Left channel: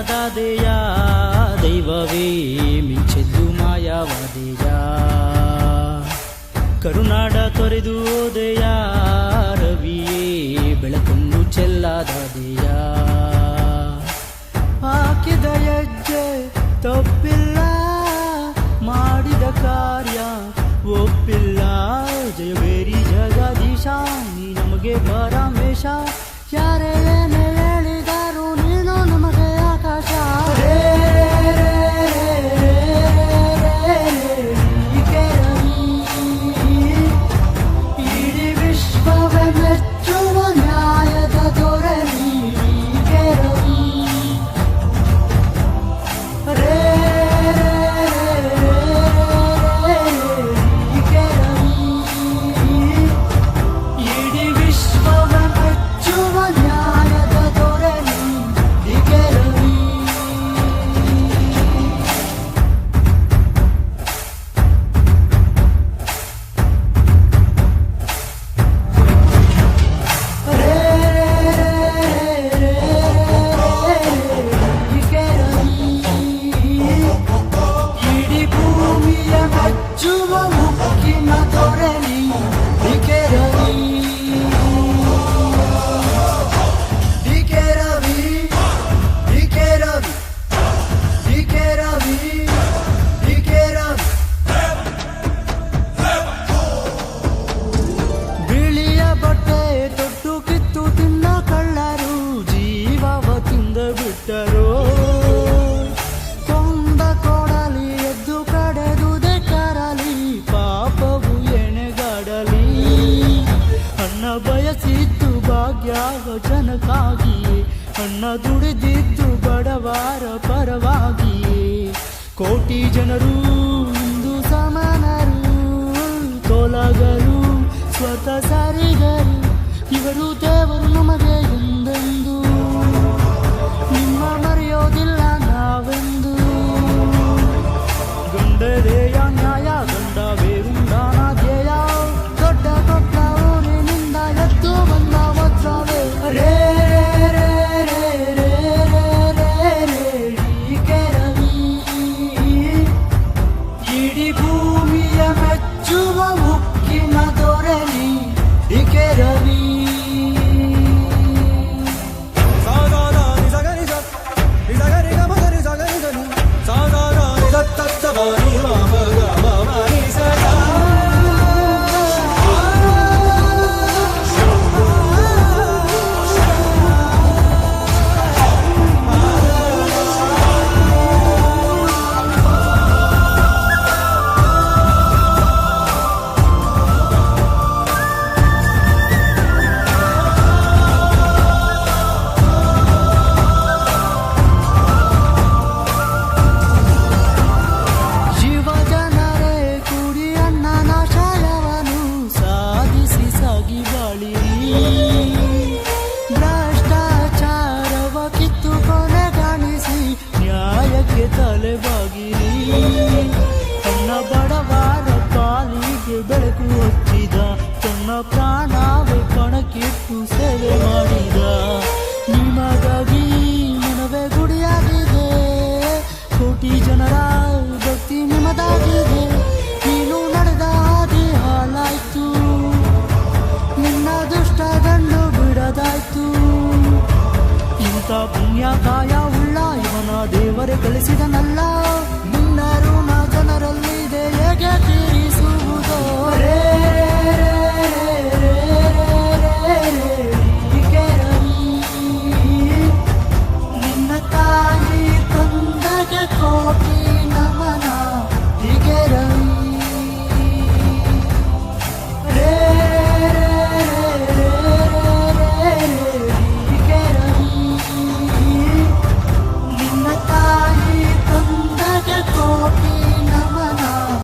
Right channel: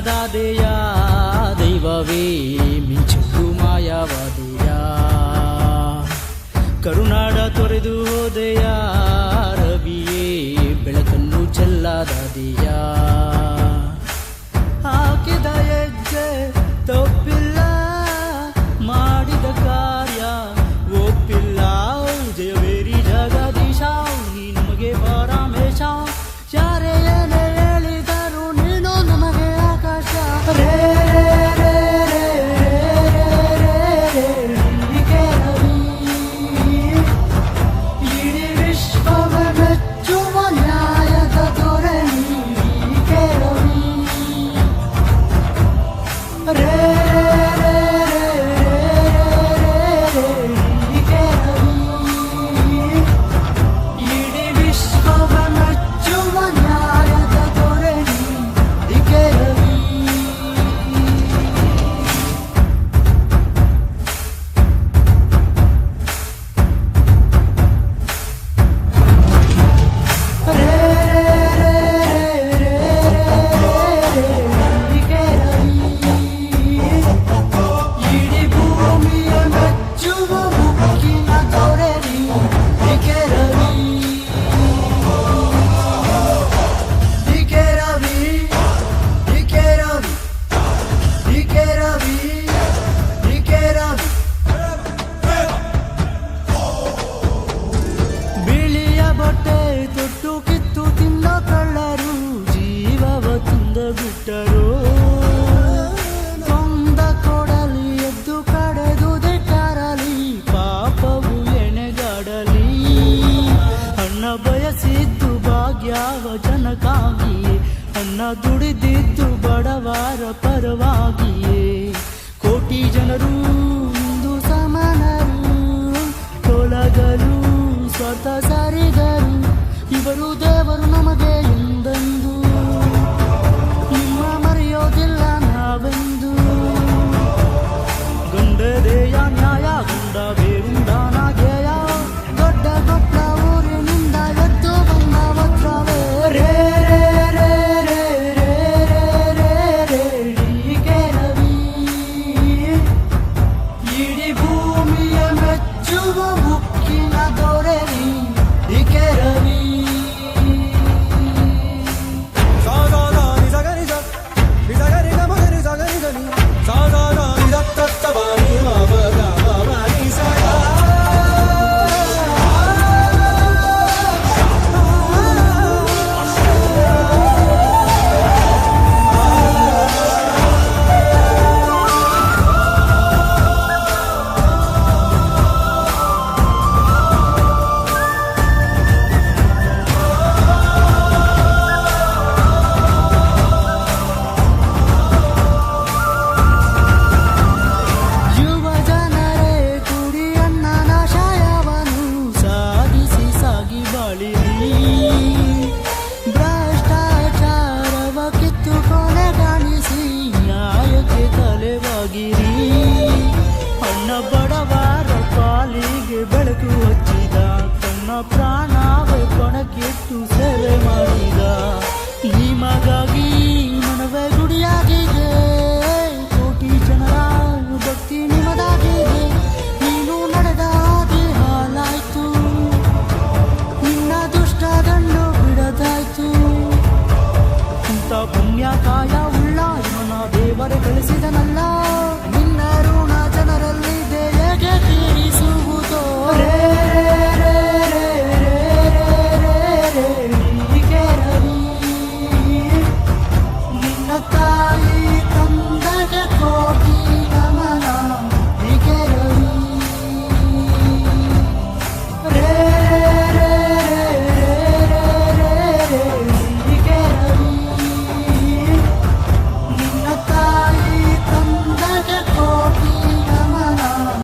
ನನ್ನದಾದೆಯ ದೈವವೇ ಮಿಂಚೆದ್ದು ಮಾಯವಾದೆಯ ಕರುನಾಡ ತೊರೆದು ಹೋದೆಯ ರವಿಯೇ ಬೆಳಕನ್ನು ಚೆಲ್ಲದಾದೆಯ ಹಾಕಿದ ಹೆಜ್ಜೆ ತಪ್ಪಿಲ್ಲ ಮಾಡಿದ ಕಾರ್ಯ ಒಪ್ಪಿಲ್ಲ ಜಯಬೇರಿ ಜಗದೀಶ ನೀ ನಮಗೆ ಪರಮೇಶ ಯಾರೇ ಏನೇ ಹೇಳಿದರು ನೀನು ನಮಗೆ ಆಕಾಶ ರೇ ರವಿ ಇಡೀ ವಿಶ್ವವೇ ಮೆಚ್ಚುವ ನ್ಯಾಯದ ದೊರೆ ನೀಕೆ ರವಿ ರೇ ಬಿಳಿಯ ಬಟ್ಟೆ ತೊಟ್ಟು ಕಿತ್ತು ತಿನ್ನ ಕಳ್ಳರು ಜೀವವ ತಿಂದ ಬಿಟ್ಟರು ತುಂಬ ಕೊಡಲಿ ಎತ್ತು ಕಡೆದುದೆ ಕರಲಿ ಪಾಪವು ಎಣೆಗಡಲಿ ಅನ್ನ ಬಯಸಿದ್ದು ಭಾಗ್ಯವ ಜನಕ್ಕಾಗಿಯೇ ಅನ್ನ ದುಡಿದಿದ್ದು ಬಡವರ ಪರವಾಗಿಯೇ ಕೋಟಿ ಜನರು ಇಂದು ಸಮಾನರು ತೊಲಗರು ಸ್ವತಃ ಸಾರಿದರು ಇವರು ದೇವರು ನಮಗೆ ಎಂದೆಂದು ನಿಮ್ಮ ಮರೆಯೋದಿಲ್ಲ ನಾವೆಂದು ಗಂಡದೇಯ ನ್ಯಾಯ ಗಂಡವೇ ಉಂಡಾದೇಯ ದೊಡ್ಡ ದೊಡ್ಡ ಊರಿನಿಂದ ಎದ್ದು ಬಂದ ವಜ್ರವೇ ರೇ ಇಡೀ ಭೂಮಿಯ ಮೆಚ್ಚುವ ಮುಕ್ಕಿನ ದೊರೆ ನೀಕೆ ರವಿ ಸಾದಾ ನಿಜಗರಿ ನಿಜಗರಿ ಗಮಗರಿ ಜಗರಿ ಗನಿ ಸಾದಾ ನಿಜತ್ತತ್ತವನಿ ಮಗ ಮನಿ ಸದಾ ಸಾಧಿಸಿ ಸಾಗಿ ಬಾಳಿರಿ